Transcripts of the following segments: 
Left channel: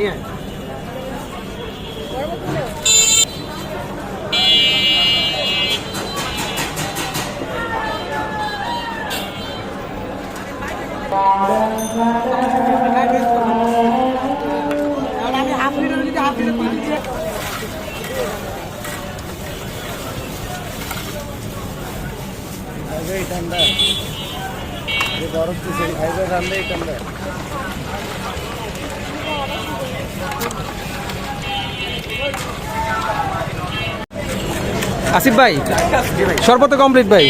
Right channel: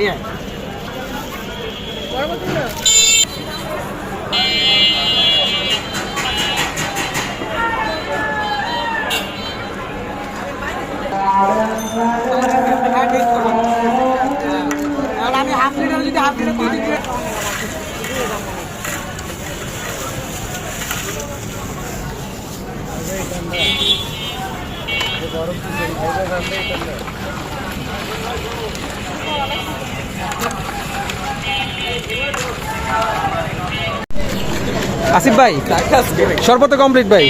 নিয়ে আমি half litre যদি হাফ লিটার পানি দিয়ে গরম তো সেই খাইবে রান্নাই ঠান্ডা। আসিফ ভাই শরবত কমপ্লিট ভাই।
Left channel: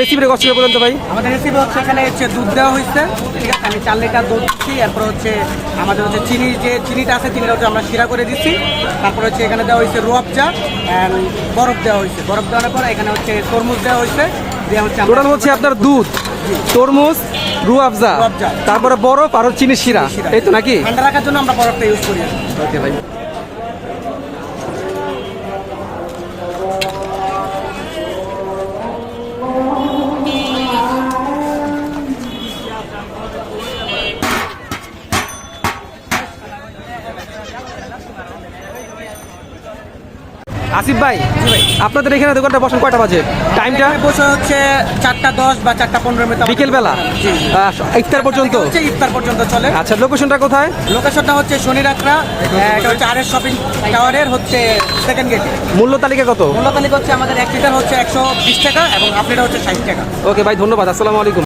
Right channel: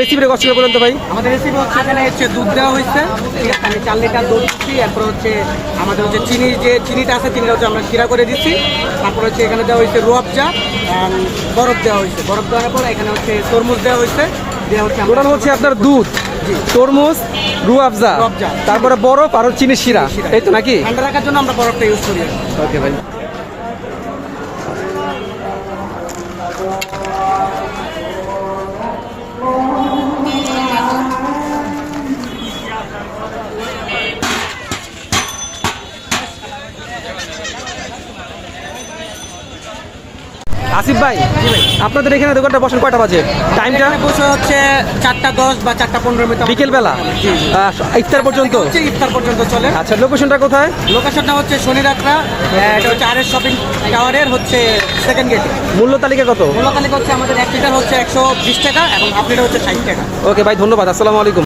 রেসিপিটা কষ্ট করে বলেন তো ভাই। আমাদের রেসিপি হচ্ছে এখানে হচ্ছে দুধ দেওয়া হয়েছে, ঠিক আছে, আমি 4 লিটার দুধ দিচ্ছি। এরপর হচ্ছে আমাদের হচ্ছে চিনি, যে চিনিটা আছে চিনিটা হচ্ছে আমরা শিরা করে দিচ্ছি। তারপর হচ্ছে এখানে দেওয়া হয়েছে রুয়াবজা অ্যান্ড বরফ দেওয়া হয়েছে। বরফ দেওয়ার পর এখানে হচ্ছে তরমুজ দেওয়া হয়েছে। দেওয়া হচ্ছে টোটাল হচ্ছে আপনার দুধ, তরমুজ, রুয়াবজা, তারপরে বরফ আর চিনি শিরা, এই তো নাকি? ঠান্ডা রাখার জন্য আমরা বরফটা ইউজ করি। ওকে ভাই। আসিফ ভাই, জি ভাই, আপনাদের এখানে দোকানটা বসেন কয়টা বাজে? টাইমটা বসে হচ্ছে 4:10 বা 4:15 মধ্যে বিকেল বেলা ইফতার পর্যন্ত? ইফতার পর্যন্ত চলে। আচ্ছা, লোকেশনটা কোথায়? লোকেশনটা হচ্ছে শনিরাত্রা, এটা হচ্ছে আরএস শপিং টাওয়ারের হচ্ছে সেকেন্ড গেটে। মূল্য তালিকা কত? মূল্য তালিকা হচ্ছে আমাদের 1 লিটার হচ্ছে 120 টাকা এবং হাফ লিটার হচ্ছে 60 টাকা। ওকে ভাই, ধন্যবাদ, আসসালামু আলাইকুম।